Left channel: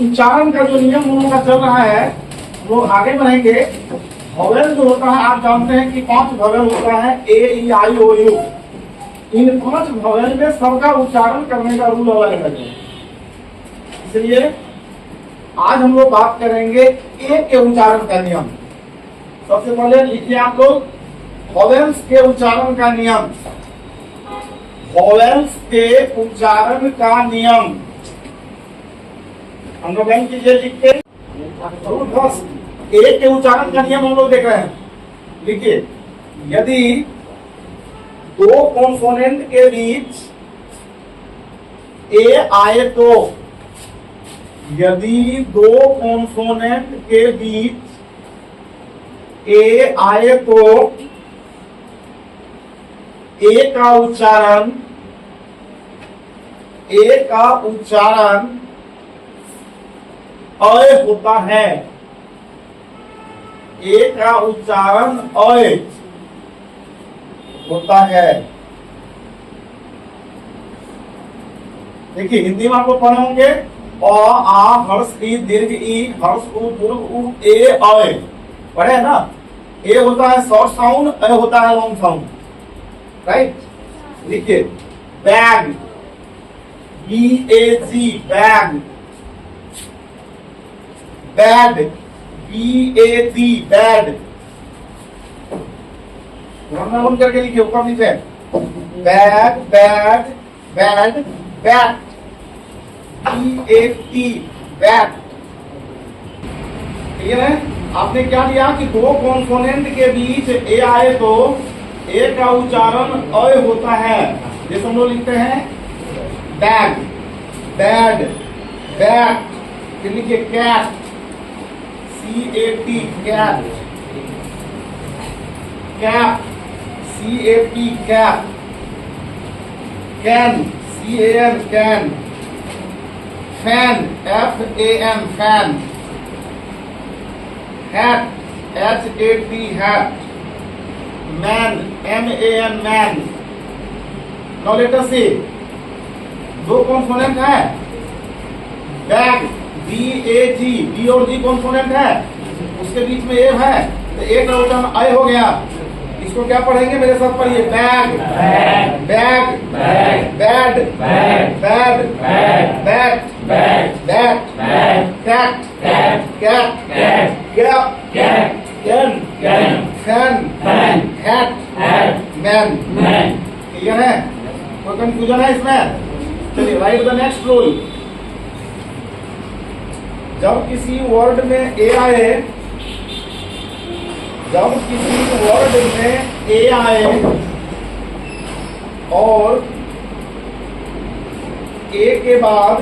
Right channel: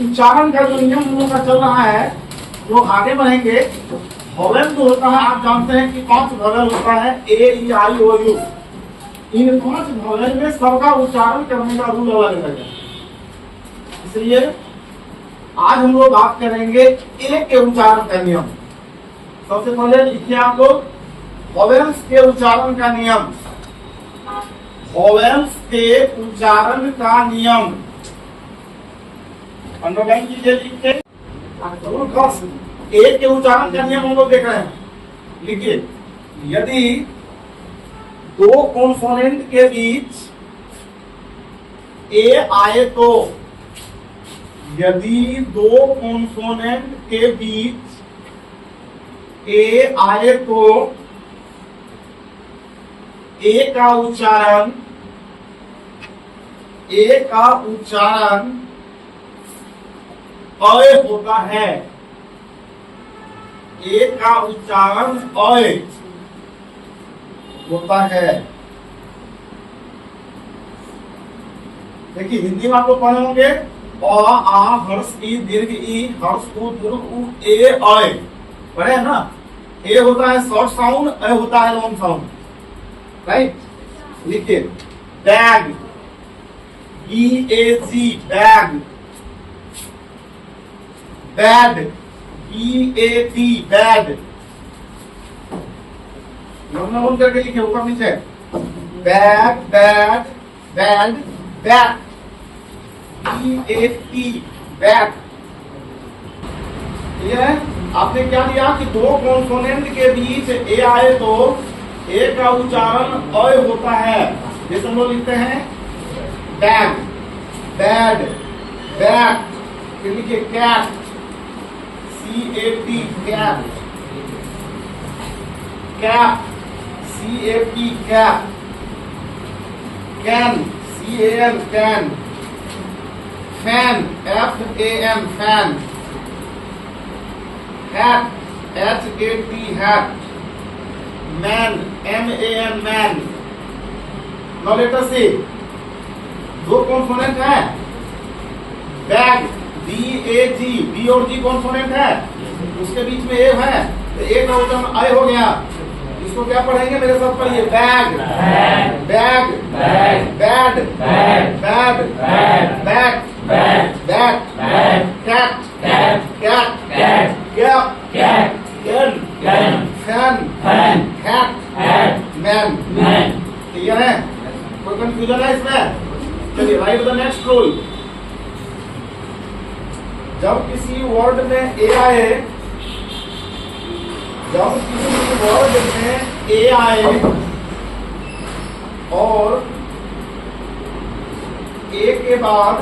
उच्चारण का जो नियम उन लोगों का चल रहा है वो आगे बढ़ेंगे। वोवेल जो होता है आप जानते हैं कि 5 वोवेल होता है, ए ई आई ओ यू। इन 5 वोवेल में सबका उच्चारण करने का रूल अलग अलग है। इसलिए आज हम लोग बात करेंगे ए के उच्चारण का नियम। सबसे पहले लिखिए आप लोग वोवेल्स के उच्चारण का नियम। वोवेल्स के उच्चारण का नियम अंडरलाइन कीजिए लिख के। ए के उच्चारण का नियम हम लोग देख रहे हैं। लिखिए, यदि 2 कॉन्सोनेंट के बीच ए आए तो, यदि 2 कॉन्सोनेंट के बीच ए आए तो ए का उच्चारण अय होता है। ए का उच्चारण अय होता है। देखिए हिंदी में आप लोग पढ़े होंगे अ आ हर्ष ई दीर्घ ई हर्ष उ दीर्घ उ ए अय पढ़े है ना। ए होता है शॉर्ट साउंड, अय होता है लॉन्ग साउंड, राइट। लिखिए bag, BAG bag, bad, BAD bad. बंद करके लिखिए ऊपर नीचे। Bag bad bad bat, BAT bat. Clear है? आपने क्या दिया कि 2 कॉन्सोनेंट के बीच ए आए तो ए का उच्चारण अय होता है। जैसे हम लोग लिखते हैं बैग, बैड, बैट। फिर लिखिए cat, CAT cat, cap, CAP cap, can, CAN can, fan, FAN fan, hat, HAT hat, man, MAN man. Now let us see, 2 consonant है। बैग, BAG, B और G कॉन्सोनेंट है, उसके बीच में ए है तो ए का उच्चारण अय हो गया। इसको क्या पढ़ेंगे मेरे साथ पढ़िए। Bag, bag, bag, bad, bad, bat, bat, cat, cat, cap, can, fan, hat, man. Clear है? कोई कंफ्यूजन है इसमें? चलिए राइट द नेक्स्ट रूल। जब किसी वर्ड में ए आए, जब किसी वर्ड में ए आए और ए के बाद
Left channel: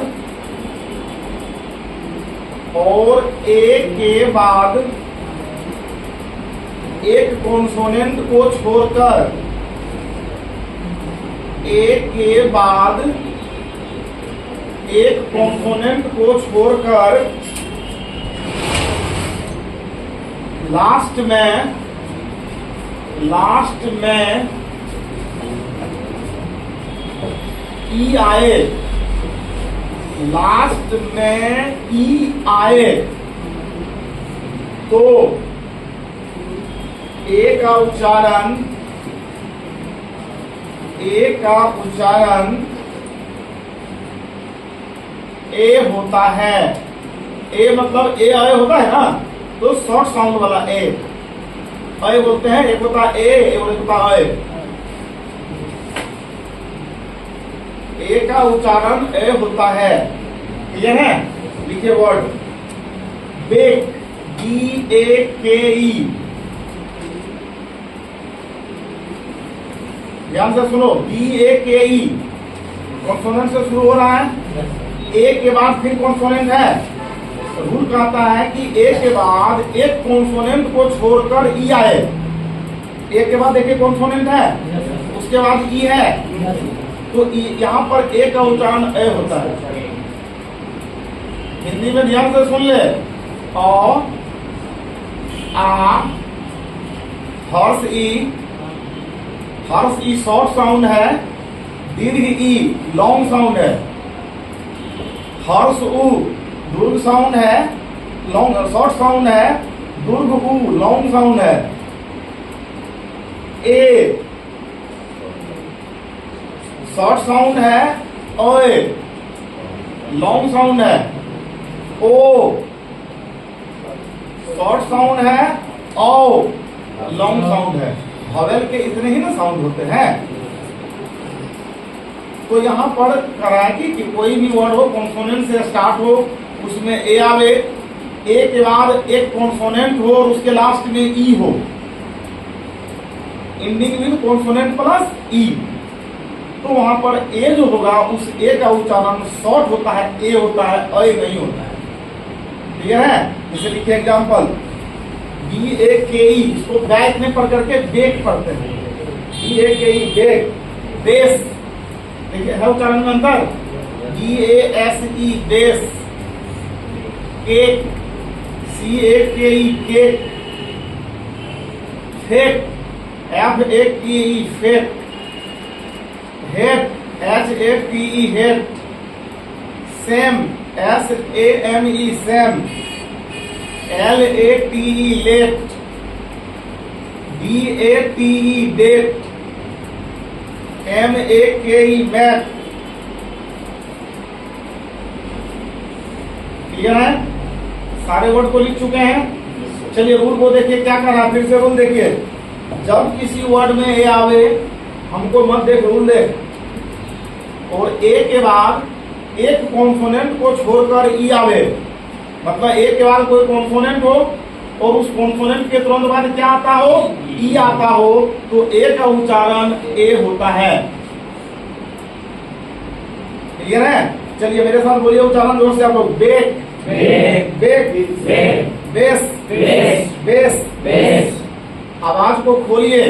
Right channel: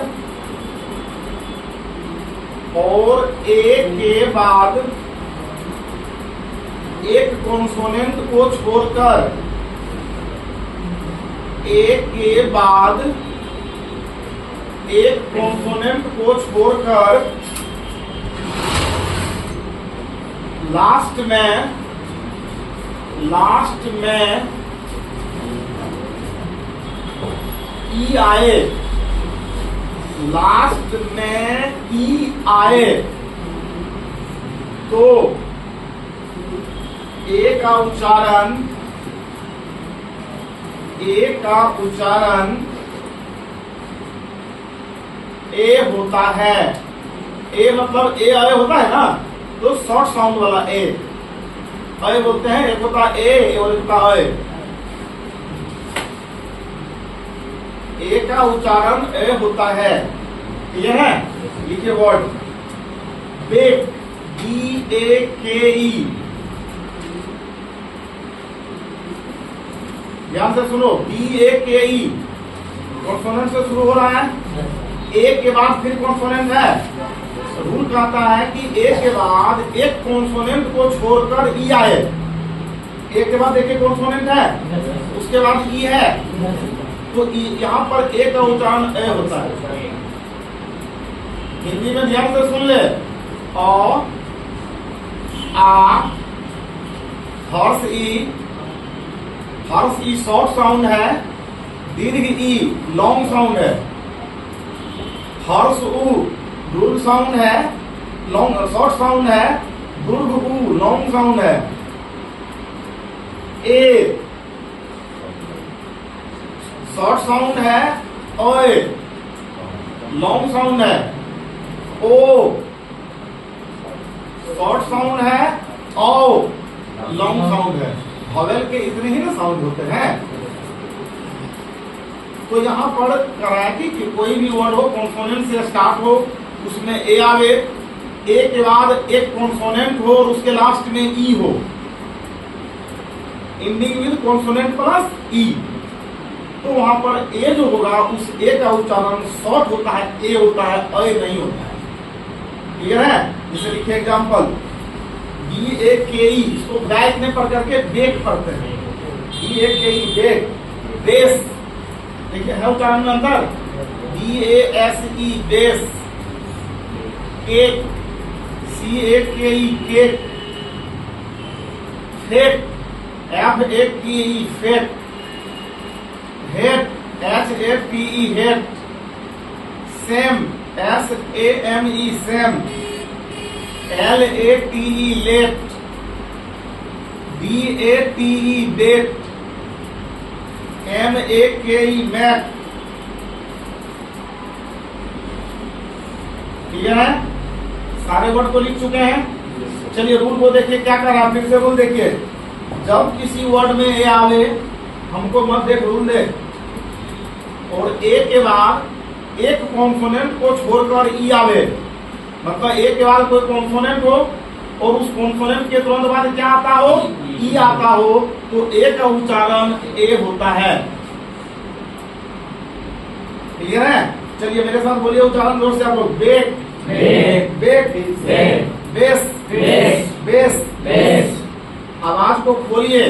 एक कॉन्सोनेंट को छोड़कर, ए के बाद एक कॉम्पोनेंट को छोड़कर लास्ट में ई आए, लास्ट में ई आए तो ए का उच्चारण ए होता है। ए मतलब ए आए होता है ना, तो शॉर्ट साउंड वाला ए अय बोलते हैं। एक होता है ए और एक होता है अय। ए का उच्चारण ए होता है। क्लियर है? लिखिए वर्ड बेक, BAKE। ध्यान से सुनो, BAKE कॉन्सोनेंट से शुरू हो रहा है। ए के बाद फिर कॉन्सोनेंट है। रूल कहता है कि ए के बाद एक कॉन्सोनेंट को छोड़कर ई आए। ए के बाद देखिए कॉन्सोनेंट है, उसके बाद ई है, तो यहाँ पर ए का उच्चारण ए होता है। हिंदी में ध्यान से सुन ले। अ, आ, हर्ष ई शॉर्ट साउंड है, दीर्घ ई लॉन्ग साउंड है। हर्ष उ दीर्घ साउंड है, लॉन्ग शॉर्ट साउंड है, दीर्घ ऊ लॉन्ग साउंड है। ए शॉर्ट साउंड है, ओए लॉन्ग साउंड है। ओ शॉर्ट साउंड है, ओ लॉन्ग साउंड है। वॉवेल के इतने ही ना साउंड होते हैं। तो यहाँ पर कराएगी कि कोई भी वर्ड हो कॉन्सोनेंट से स्टार्ट हो, उसमें ए आवे, ए के बाद एक कॉन्सोनेंट हो और उसके लास्ट में ई हो, एंडिंग विद कॉन्सोनेंट प्लस ई। तो वहां पर ए जो होगा उस ए का उच्चारण शॉर्ट होता है, ए होता है, अ नहीं होता है। क्लियर है? जैसे लिखिए एग्जाम्पल, BAKE, इसको बैक में पढ़ करके बेक पढ़ते हैं। BAKE बेक, बेस, देखिए है उच्चारण में अंतर। BASE base, cake, CAKE cake, fake, FAKE fake, hate, HATE hate, same, SAME same, LATE late, DATE date, MAKE make. Clear है? सारे वर्ड को लिख चुके हैं। चलिए रूल को देखिए क्या कर रहा, फिर से रूल देखिए। जब किसी वर्ड में ए आवे, हमको मत देख, रूल दे, और ए के बाद एक कॉन्सोनेंट को छोड़कर ई आवे, मतलब ए के बाद कोई कॉन्सोनेंट हो और उस कॉन्सोनेंट के तुरंत बाद क्या आता हो, ई आता हो, तो ए का उच्चारण ए होता है। क्लियर है? चलिए मेरे साथ बोलिए उच्चारण जोर से आप लोग। Bake, bake, bake, base, base, base, base. आवाज को खोलिए।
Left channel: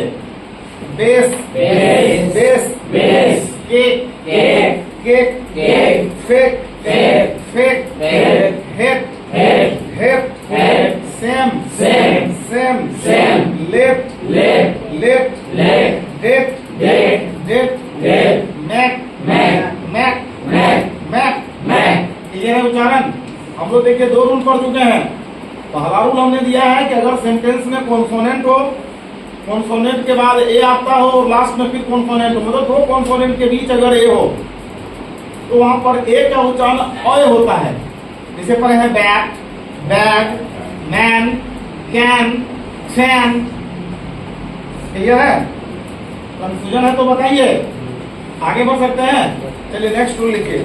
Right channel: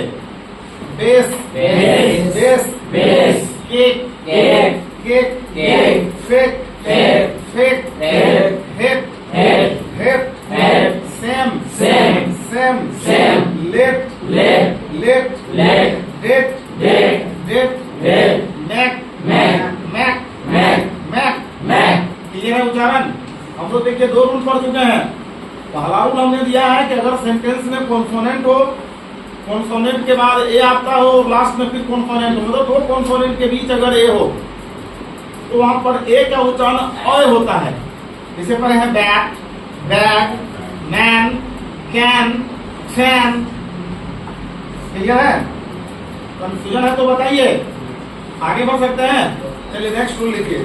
Base, base, base, base. Cake, cake, cake, cake. Fake, fake, fake, fake. Hate, hate, hate, hate. Same, same, same, same. Late, late, late, late. Date, date, date, date. Make, make, make, make, make, make. Clear है उच्चारण? हम लोग देखिए दो rule पढ़ चुके हैं। पहला रूल हमने दिया है कि अगर सेंटेंस में कॉन्सोनेंट हो, कॉन्सोनेंट के बाद ए आता हो और लास्ट में फिर कॉन्सोनेंट हो, मतलब दो कॉन्सोनेंट के बीच अगर ए हो तो वहां पर ए का उच्चारण अ होता है। जैसे पर है bat, bag, man, can, fan. Clear है? कंफ्यूजन है तो बताइए, आगे बढ़ सकते हैं। चलिए नेक्स्ट रूल लिखिए।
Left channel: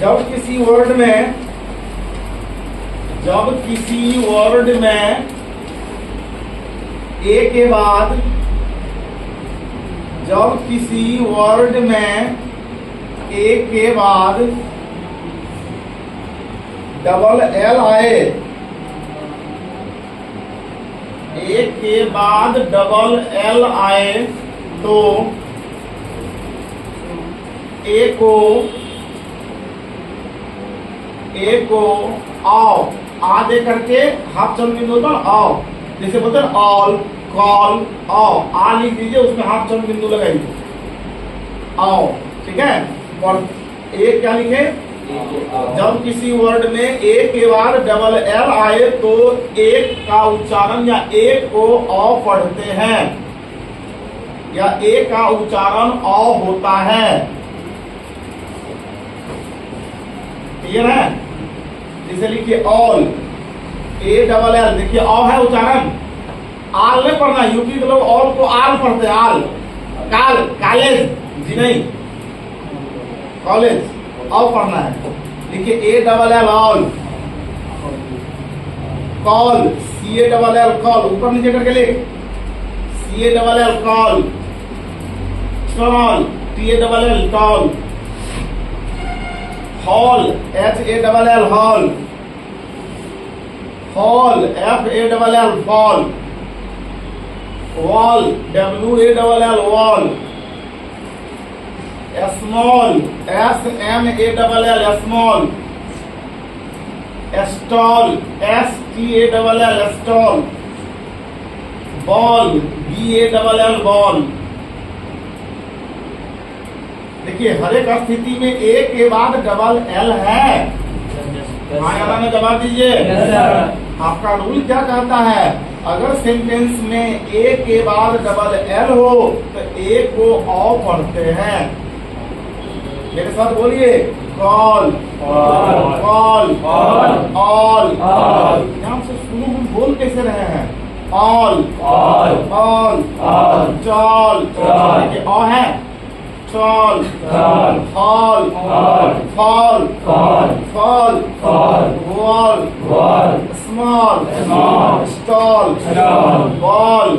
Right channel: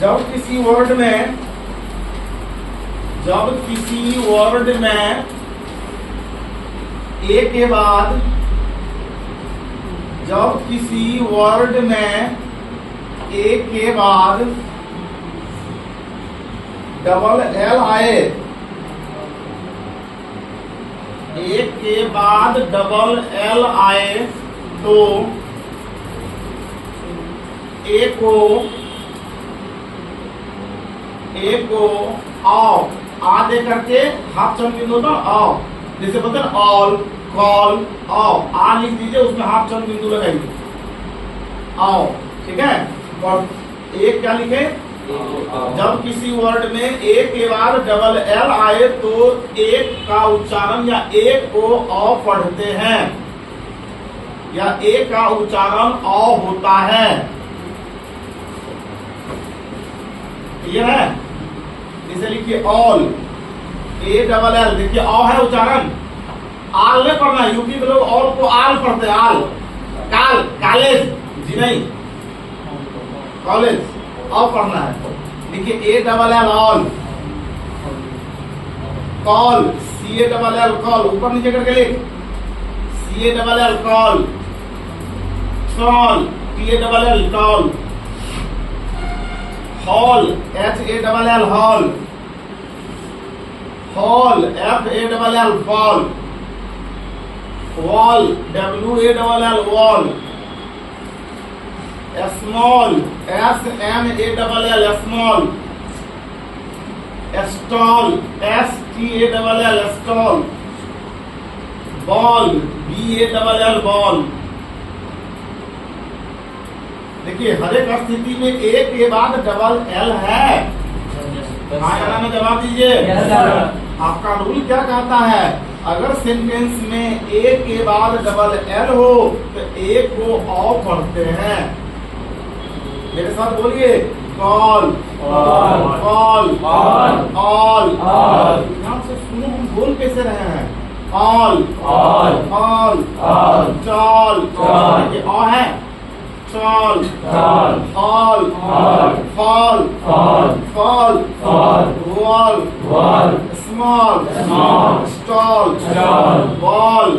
जब किसी वर्ड में ए के बाद, जब किसी वर्ड में ए के बाद डबल एल आए, ए के बाद डबल एल आए, तो ए को आओ, आ दे करके हाफ चंद बिंदु ना आओ, जैसे बोलते हैं ऑल, कॉल, आओ, आ लिख दीजिए, उसमें हाफ चंद बिंदु लगाइए, आओ। ठीक है? और ए क्या लिखे? जब किसी वर्ड में ए के बाद डबल एल आए तो एक का उच्चारण या एक को अ पढ़ते हैं, या ए का उच्चारण अ होता है। क्लियर है? जैसे लिखिए ऑल, ए डबल एल, देखिए अ है उच्चारण, आल नहीं पढ़ना। यूपी के लोग ऑल को आल पढ़ते हैं, आल, काल, कॉलेज जी नहीं, कॉलेज अ पढ़ना है। देखिए A double L all, call, C A double L call, ऊपर नीचे करके लिख, C A double L call, tall, T A double L tall, hall, H A double L hall, hall, F A double L fall, wall, W A double L wall, small, S M A double L small, stall, S T A double L stall, ball, B A double L ball. देखिए हर एक स्थिति में ए के बाद double L है, हाँ या ना में जवाब दीजिए। आपका रूल क्या कहता है, अगर सेंटेंस में ए के बाद डबल एल हो तो ए को औ पढ़ते हैं। मेरे साथ बोलिए, कॉल कॉल ऑल। ध्यान से सुनो, हम बोल कैसे रहे हैं, ऑल ऑल चॉल, देखिए ऑ है, chawl hall fall fall wall small stall ball.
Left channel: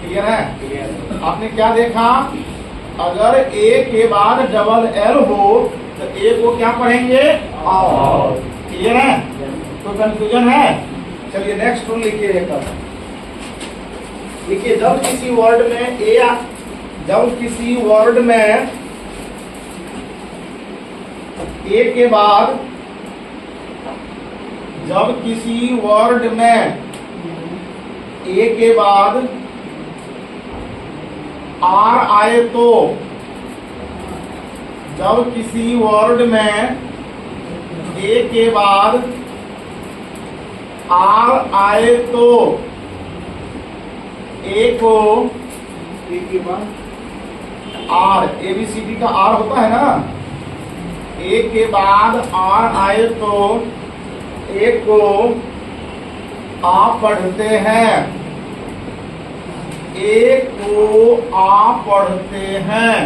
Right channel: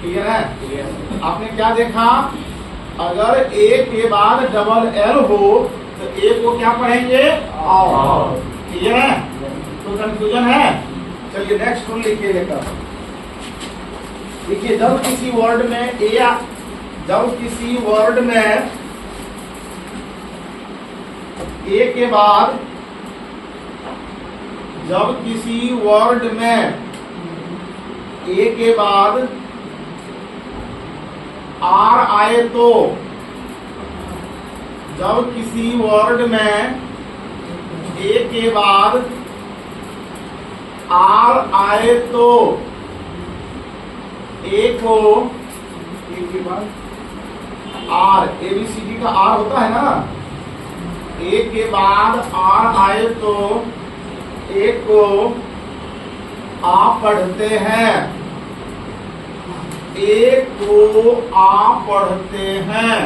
Clear है? आपने क्या देखा, अगर ए के बाद डबल एल हो तो ए को क्या पढ़ेंगे, आओ। क्लियर है? तो कंफ्यूजन है? चलिए नेक्स्ट रूल लिखिए। देखिए, जब किसी वर्ड में ए के बाद, जब किसी वर्ड में ए के बाद आर आए तो, जब किसी वर्ड में ए के बाद आर आए तो ए को, ए के बाद आर, ABCD का आर होता है ना, ए के बाद आर आए तो ए को आ पढ़ते हैं, ए को आ पढ़ते हैं।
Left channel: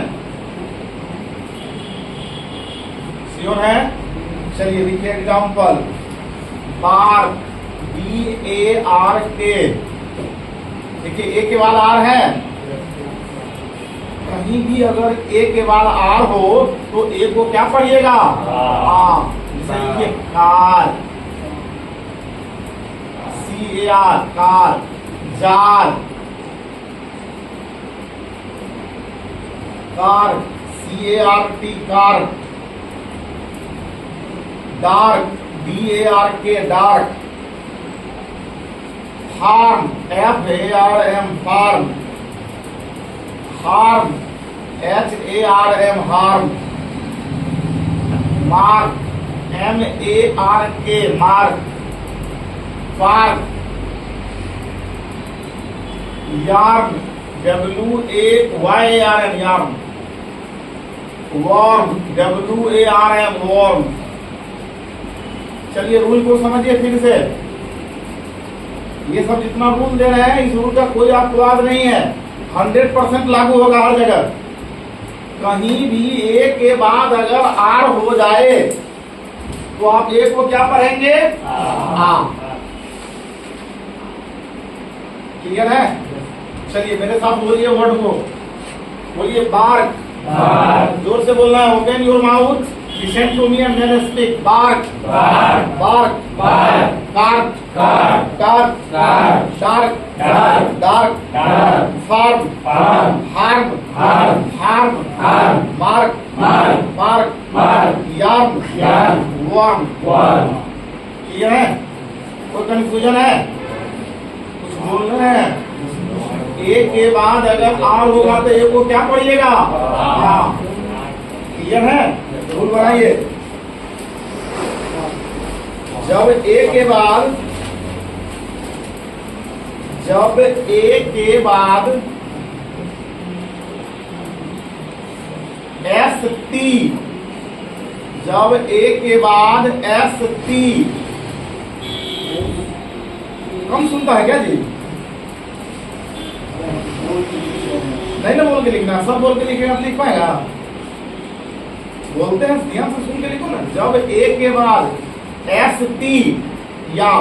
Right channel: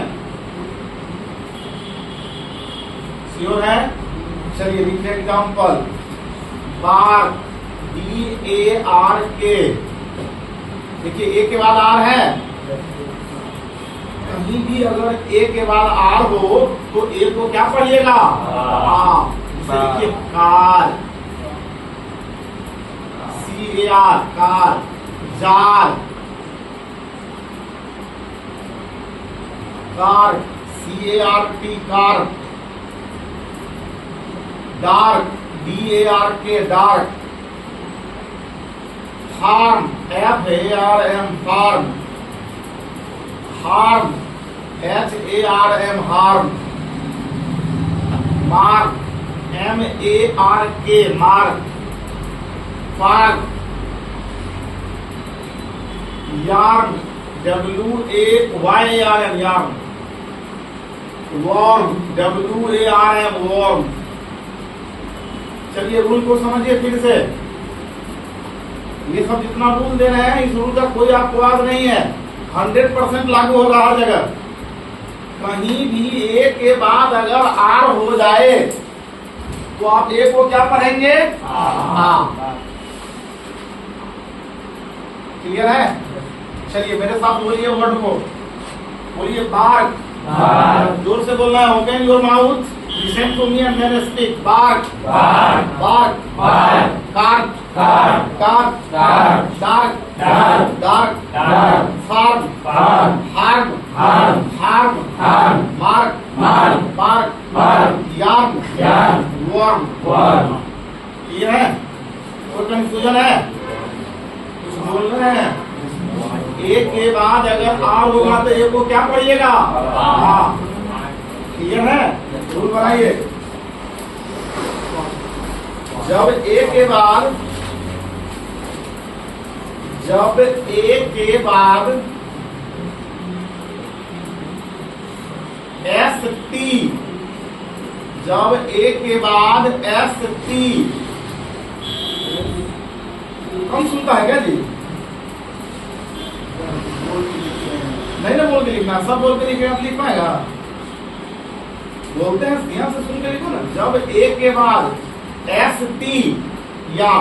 श्योर है? चलिए लिखिए एग्जाम्पल, बार BARK। देखिए ए के बाद आर है, कहीं भी अगर ए के बाद आर हो तो ए को क्या पढ़िएगा, आ। जैसे लिखिए car, CAR car, jar car, CART car, dark DARK dark, farm FARM farm, harm HARM harm, mark MARK mark, park, yarn WAYARN yarn, warm WARM warm. चलिए रूल को समझिए फिर से। ये सब जितना रूल दे रहे हैं, इस रूल का कोई अपवाद नहीं है, 100% लागू होगा हर जगह। कहीं भी ए के बाद अगर आर हो जाए तो आप ए को क्या पढ़ेंगे, आ। क्लियर है? चलिए मेरे साथ बोलिए वर्ड को, बोलिए बार्क। जोर से बोलना है, open your mouth, listen to me and then speak. Bark bark car dark dark farm harm mark yarn warm. ये है? कोई कंफ्यूजन है? कुछ बोल रहे हैं? ए के बाद अगर आर होगा तो ए को क्या पढ़िएगा, आ। क्लियर है? रूल बनाइए, जब ए के बाद ST, जब ए के बाद ST, कम सुनता है क्या जी? नहीं ना बोल के लिखना, सब बोल के लिखे आप लिख पाएगा? बोलते हैं, ध्यान से सुन के लिखो ना। जब ए के बाद ST या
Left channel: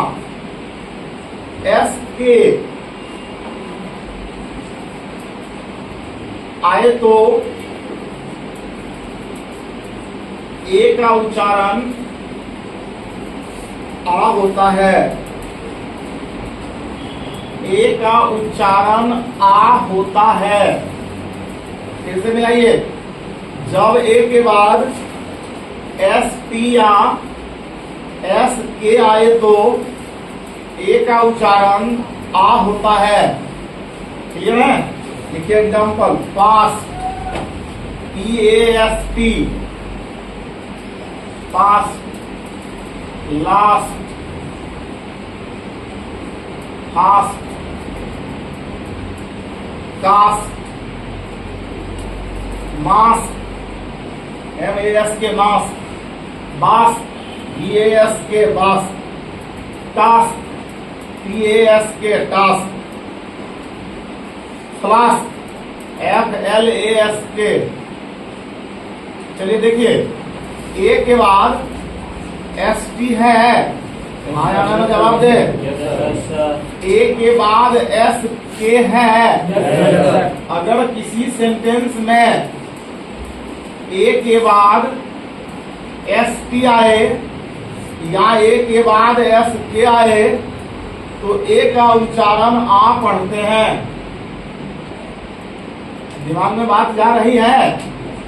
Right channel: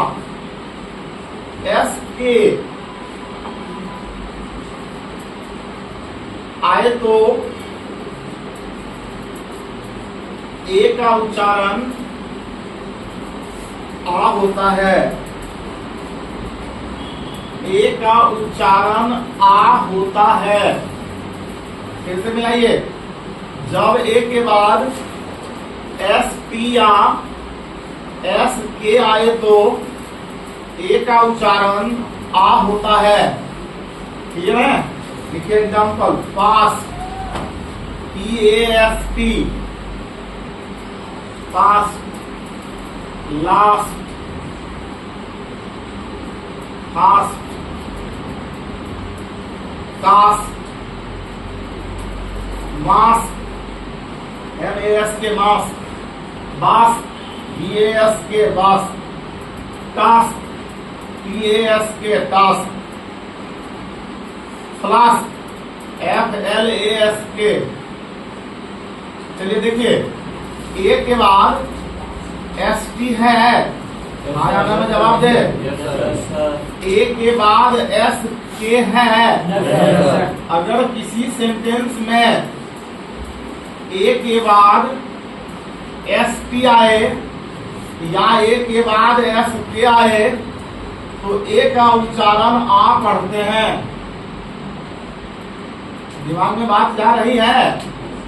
SK आए तो ए का उच्चारण आ होता है, ए का उच्चारण आ होता है। फिर से मिलाइए, जब ए के बाद ST या SK आए तो ए का उच्चारण आ होता है। क्लियर है? लिखिए example, past PAST past, last, fast, cast, mask, MAS K mask, bask, BAS K bask, task, TAS K task, flask, FLAS K. चलिए देखिए, ए के बाद ST है, हाँ या ना जवाब दे। ए के बाद S के है। अगर किसी सेंटेंस में ए के बाद ST आए या ए के बाद SK आए तो ए का उच्चारण आ पढ़ते हैं। दिमाग में बात जा रही है?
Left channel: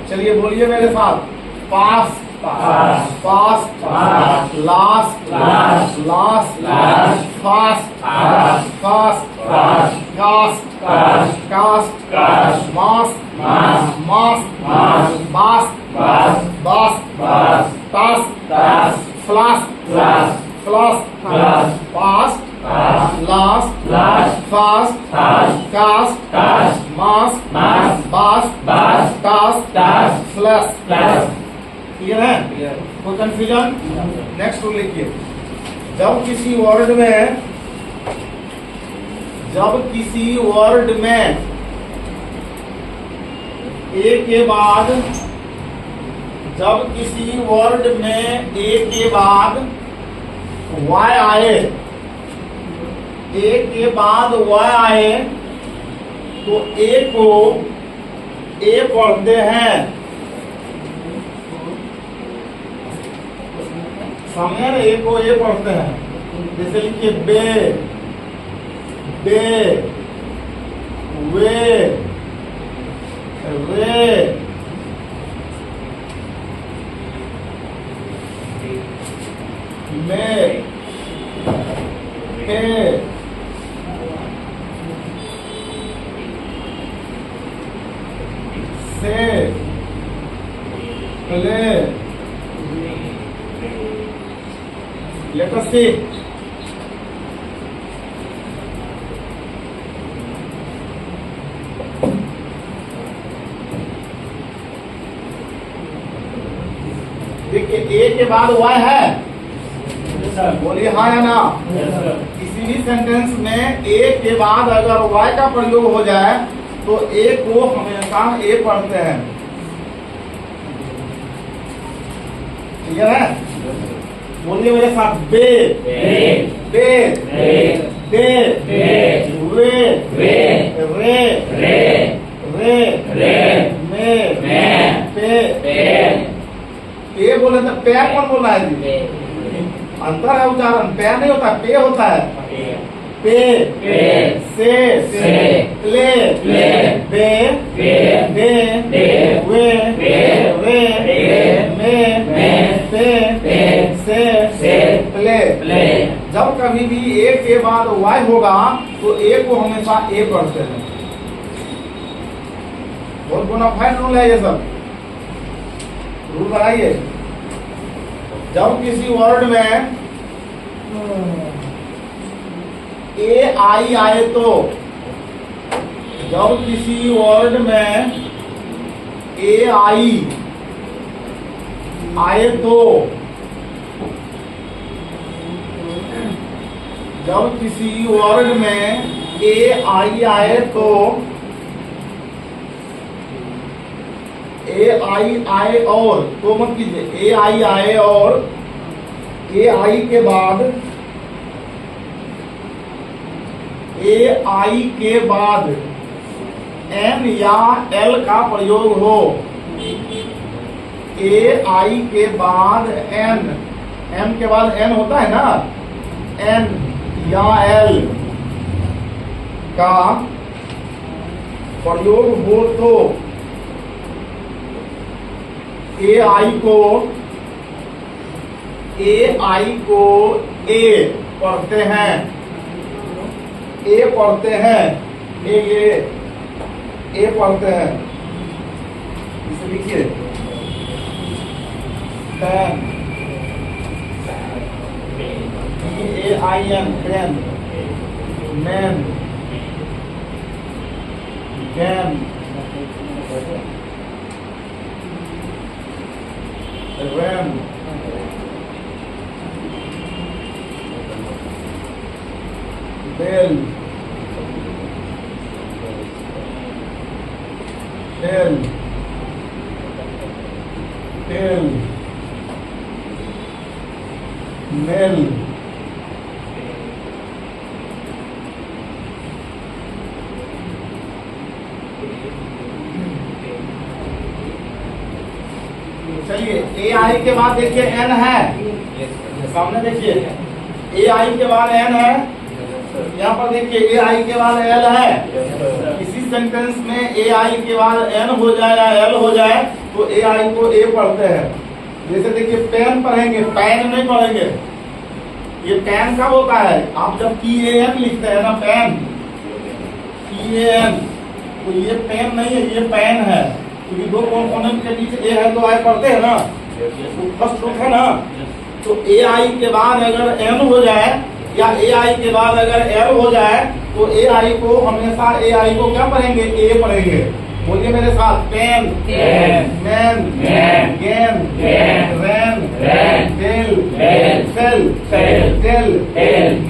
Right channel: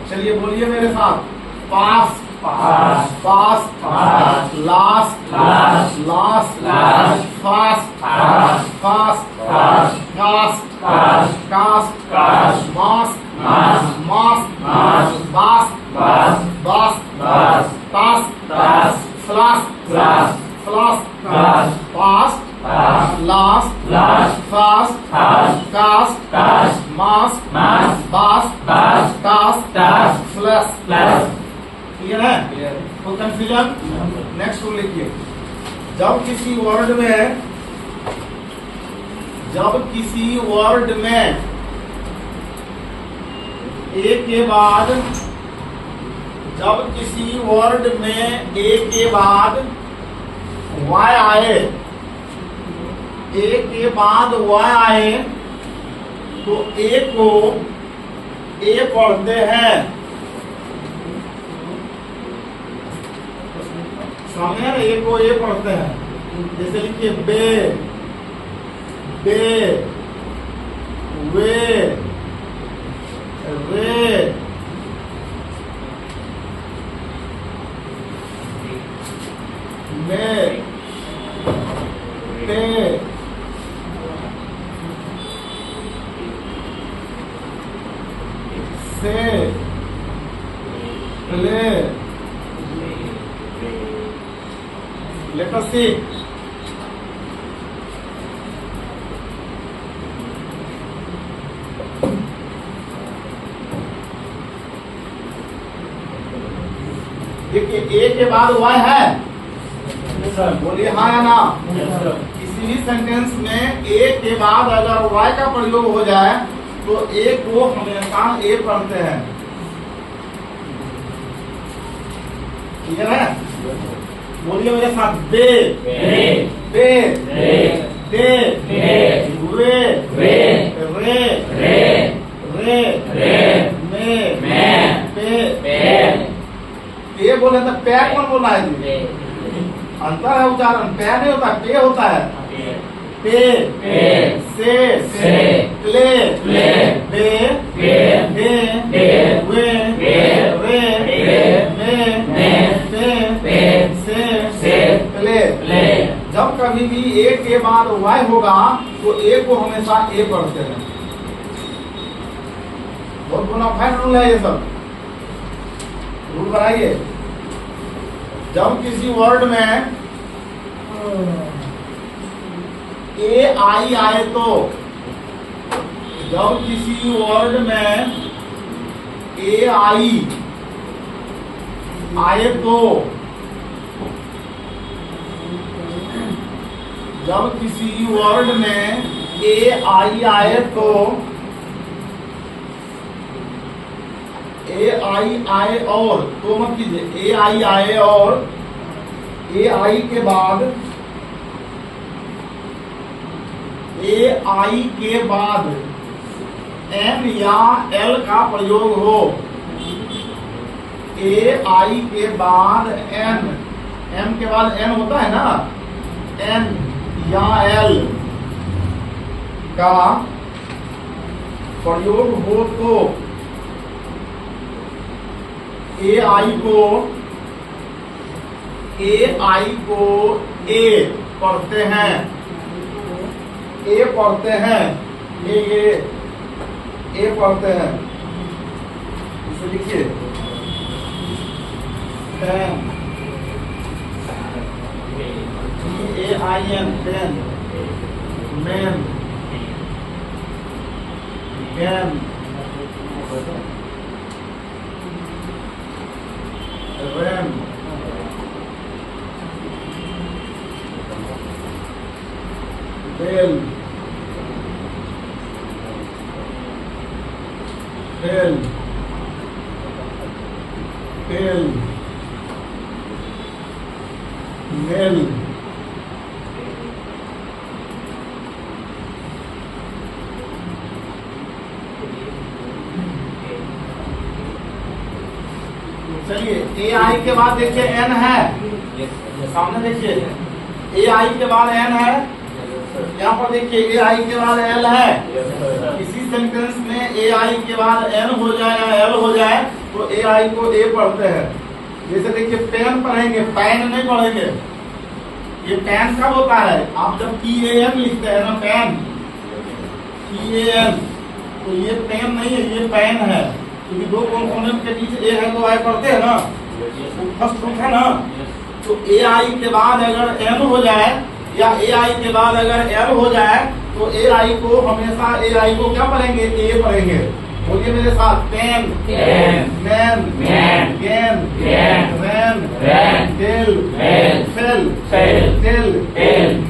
चलिए बोलिए मेरे साथ। Past, past, past, past, last, last, last, last, fast, fast, fast, fast, cast, cast, cast, cast, mask, mask, mask, mask, bask, bask, bask, bask, task, task, flask, flask, flask, flask, fast, last, last, fast, fast, cast, cast, mask, mask, bask, bask, task, task, flask, flask. Clear है? कोई confusion? Next rule लिखिए। जब किसी word में ए के बाद Y आए, ए के बाद वाई आए तो ए को ए पढ़ते हैं। सामने ना ए को ए पढ़ते हैं। जैसे लिखिए बे, बे, वे, रे, में, पे, से, ले, let us see. देखिए ए के बाद वाई है, बोलिए हाँ या ना। किसी भी सेंटेंस में ए के बाद अगर वाई का प्रयोग हो जाए तो ए को हमेशा ए पढ़ते हैं। ठीक है? बोलिए मेरे साथ। बे, बे, बे, बे, वे, रे, रे, में, पे। पे बोले तो पैर कौन बोला है? अंतर है उच्चारण। पैर नहीं होता, पे होता है। पे, से, ले, बे, दे, वे, रे, में, पे, से, प्ले। जब कभी भी ए के बाद वाई होगा तो ए को हमेशा ए पढ़ते हैं। बहुत बड़ा फाइन रूल है ये सब। रूल बनाइए। जब किसी वर्ड में ए आई आए तो, जब किसी वर्ड में ए आई आए तो, जब किसी वर्ड में ए आई आए तो, ए आई आए और, तो मत कीजिए, ए आई आए और ए आई के बाद, ए आई के बाद एन या एल का प्रयोग हो। ए आई के बाद एन, एम के बाद एन होता है ना, एन या एल का प्रयोग हो तो ए आई को ए पढ़ते हैं। ए पढ़ते हैं, ये ए पढ़ते हैं। इसे लिखिए। AIN पेन, मैन, गैन, रैन, बेल, बेल, बेल, मेल, चलिए AI के बाद देखिए N है, सामने देखिए AI के बाद N है, यहाँ पर देखिए AI के बाद L है। इसी सेंटेंस में AI के बाद N हो जाए या L हो जाए तो AI को A पढ़ते हैं। जैसे देखिए पेन पढ़ेंगे, पैन नहीं पढ़ेंगे। ये पेन कब होता है? आप जब PAN लिखते हैं ना, पेन, PAN, तो ये पेन नहीं है, ये पेन है, क्योंकि दो कॉन्सोनेंट के बीच A है तो I पढ़ते हैं ना, फर्स्ट रूट है ना। तो AI के बाद अगर N हो जाए या AI के बाद अगर L हो जाए तो AI को हमेशा AI को क्या पढ़ेंगे? A पढ़ेंगे। बोलिए मेरे साथ, पेन, मैन, गैन, रैन, टेल, फेल,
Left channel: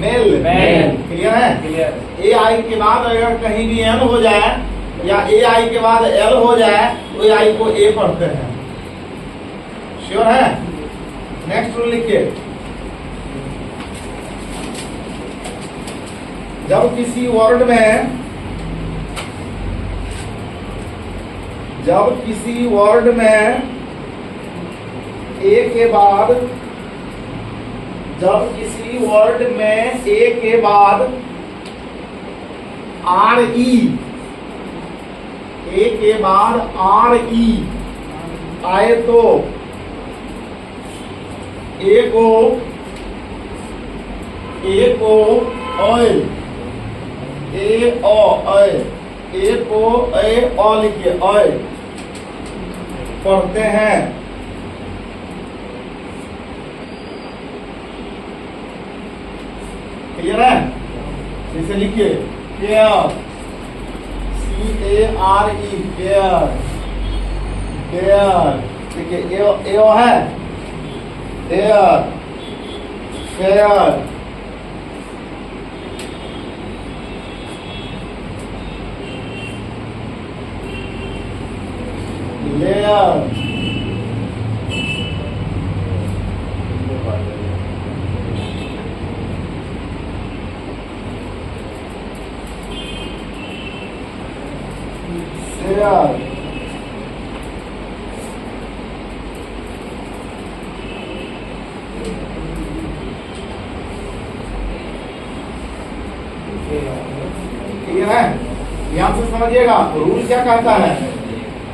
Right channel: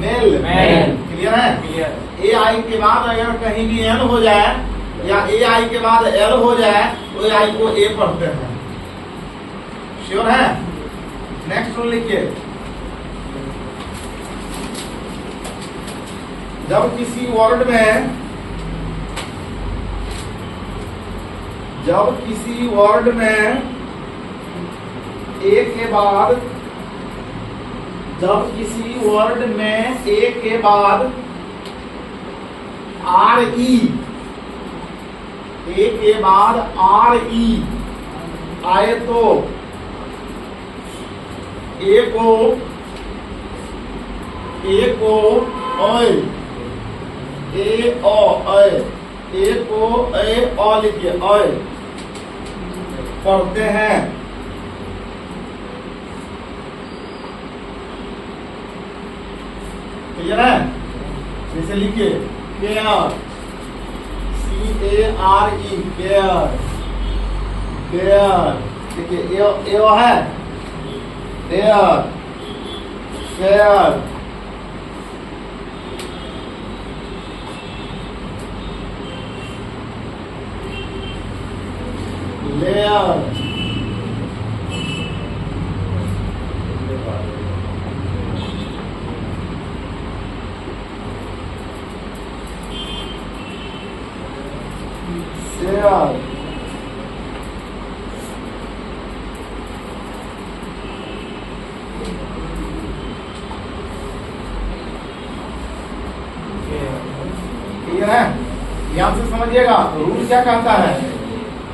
मेल, क्लियर है? AI के बाद अगर कहीं भी N हो जाए या AI के बाद L हो जाए तो AI को A पढ़ते हैं। श्योर है? नेक्स्ट रूल लिखिए, जब किसी वर्ड में A के बाद, जब किसी वर्ड में A के बाद RE, A के बाद RE आए तो A को ऑयल, A को लिखिए, ऑयल पढ़ते हैं। क्लियर है? इसे लिखिए, केयर, CARE, केयर, डेयर, देखिए ए है, dare, fair, lair, share, clear है? यहां से समझिएगा रूल क्या कहता है।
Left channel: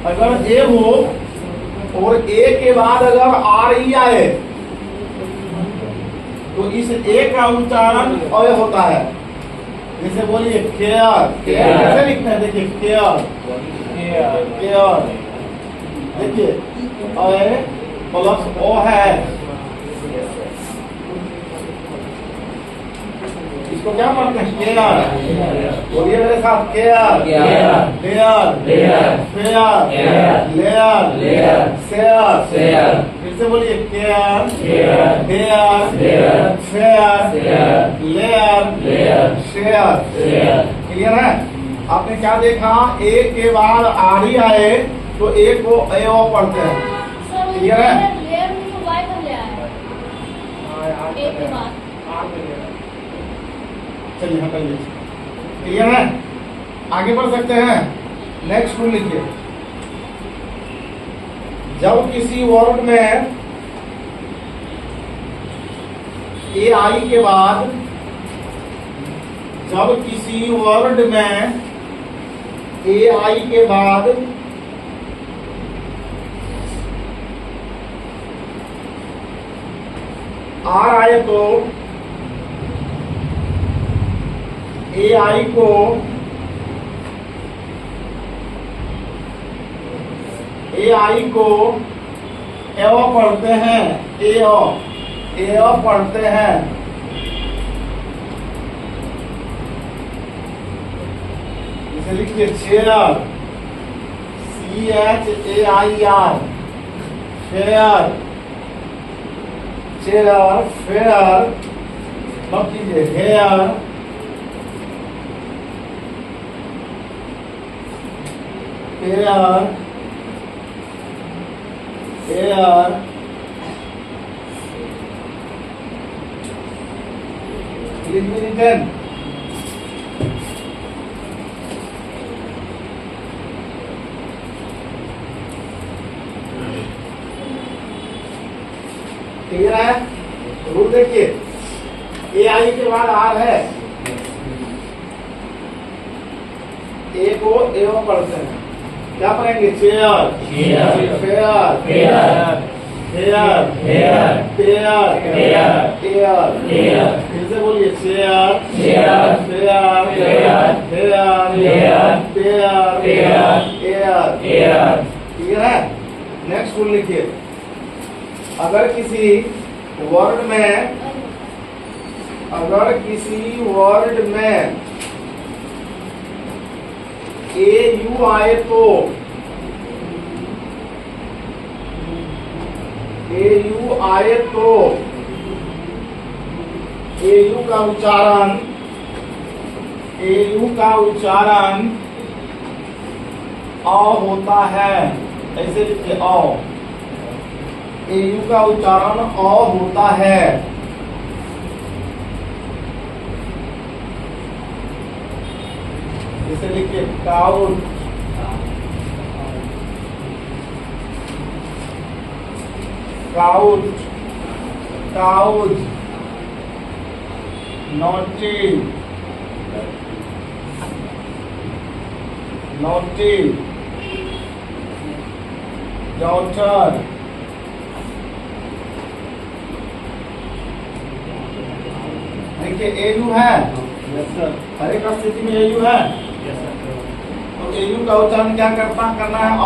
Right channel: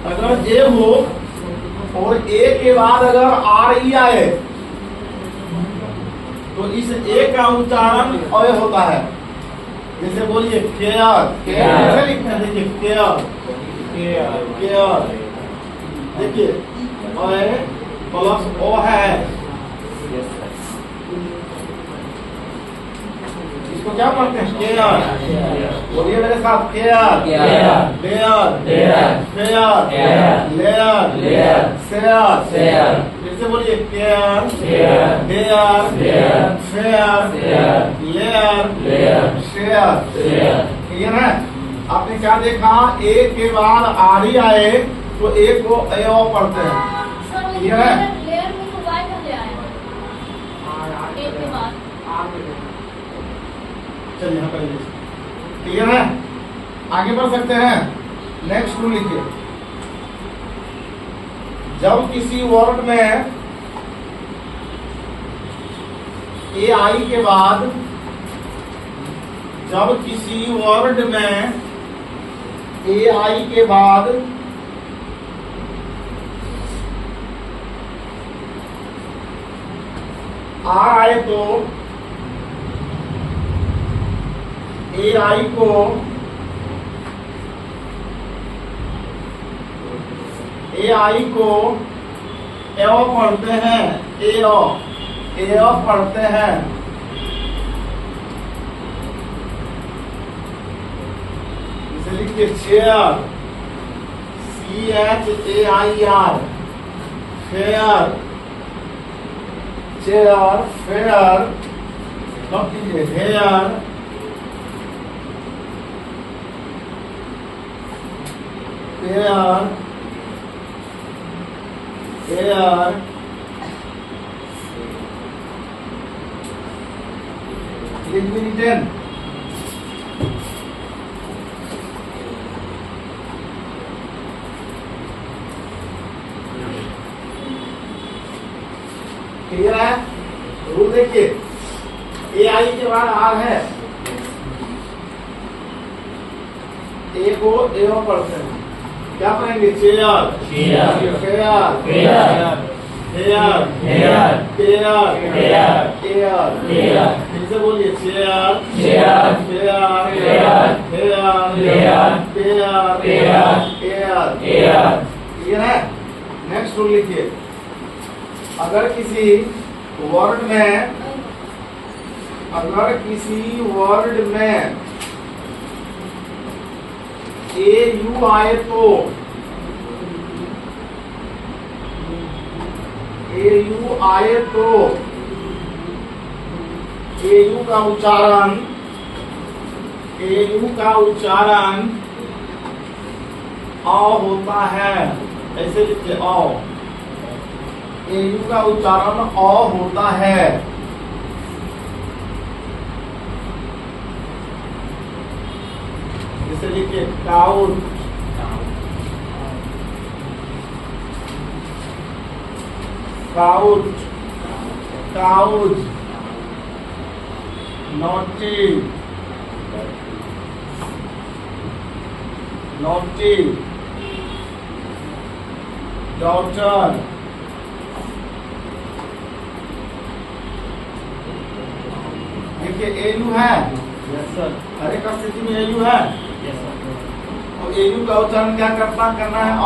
अगर A हो और A के बाद अगर RE आए तो इस A का उच्चारण अय होता है। जैसे बोलिए केयर, कैसे लिखते हैं? देखिए केयर, केयर, देखिए अय प्लस O है, इसको क्या पढ़ते हैं? केयर। बोलिए मेरे साथ, care, lair, fair, lair, share. फिर से बोलिए, care, dare, fair, lair, share. Clear है? आपने क्या देखा? A के बाद RE आए तो A को AO पढ़ते हैं। क्लियर है? चलिए हम करिए। क्लियर है? आगे बढ़ सकते हैं। नेक्स्ट रूल लिखिए, जब किसी वर्ड में AI के बाद, जब किसी वर्ड में AI के बाद R आए तो AI को AO पढ़ते हैं, AO पढ़ते हैं। जैसे लिखिए chair, CHAIR, fair, chair, fair, note कीजिए हेयर, फेयर, एयर, लिखिए क्लियर है। रूल देखिए, AI के बाद R है, ए को ए में पढ़ते हैं, क्या पढ़ेंगे? चेयर, फेयर, हेयर, एयर, फिर से बोलिए चेयर, फेयर, एयर, क्लियर है। नेक्स्ट रूल लिखिए, अगर किसी वर्ड में AU आए तो AU का उच्चारण अ होता है, ऐसे लिखिए अ। AU का उच्चारण अ होता है। जैसे लिखिए couch, couch, couch, naughty, naughty, daughter, देखिए AU है, यस सर, हर एक स्थिति में AU है, यस सर। तो AU का उच्चारण क्या करना है? अ।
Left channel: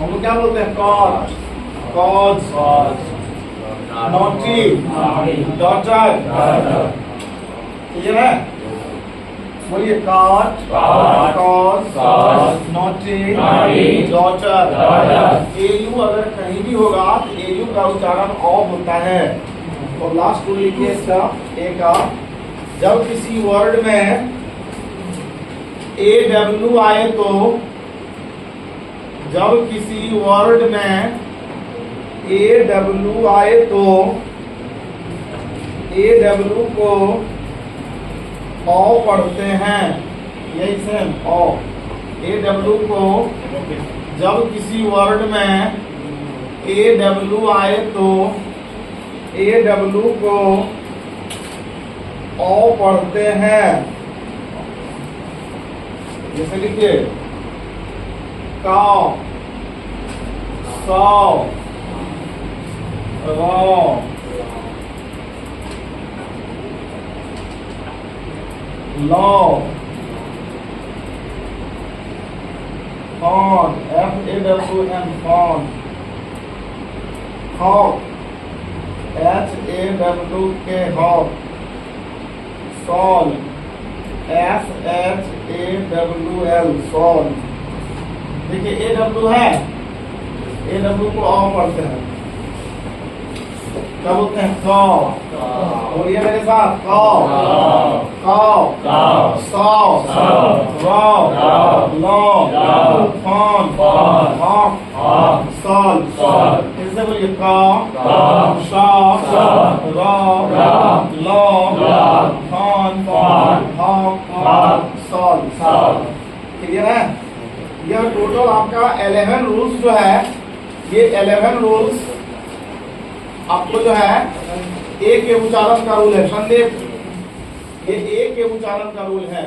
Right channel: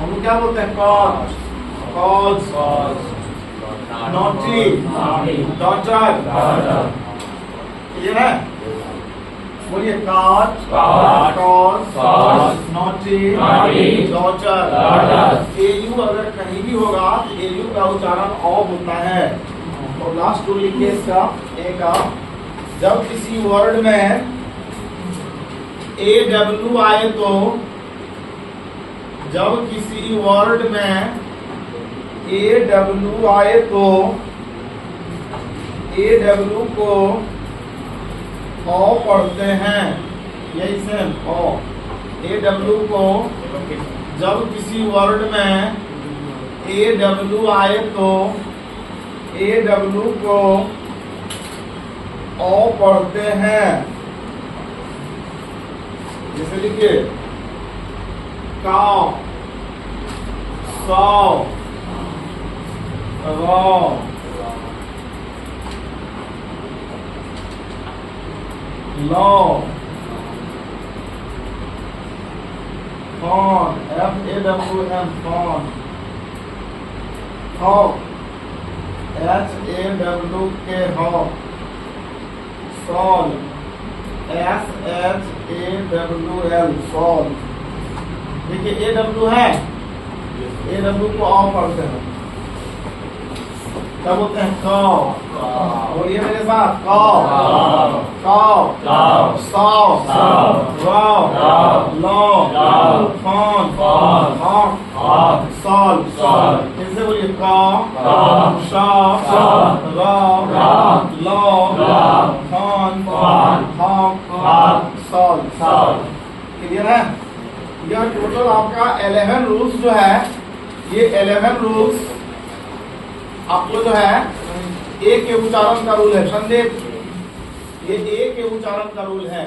हम क्या बोलते हैं? Cause, cause, naughty, daughter, clear है। बोलिए कॉज, नोटी, डॉटर। AU अगर कहीं भी होगा तो AU का उच्चारण अ होता है। और लास्ट रूल लिखिए इसका, ए का, जब किसी वर्ड में AW आए तो, जब किसी वर्ड में AW आए तो AW को अ पढ़ते हैं, यही से अ। AW को जब किसी वर्ड में AW आए तो AW को अ पढ़ते हैं। जैसे लिखिए caw, saw, raw, law, fawn, FAWN, fawn, hawk, HAWK, hawk, shawl, SHAWL, shawl. देखिए AW है, AW को अ पढ़ते हैं, क्या बोलते हैं? कौ। बोलिए मेरे साथ, caw, saw, raw, law, fawn, hawk, shawl. फिर से बोलिए caw, saw, raw, law, fawn, hawk, shawl. Clear है। यह टोटल आपका 11 रूल्स जो है, ये 11 रूल्स आपको जो है ए के उच्चारण का रूल है। संदेह, ये ए के उच्चारण का रूल है।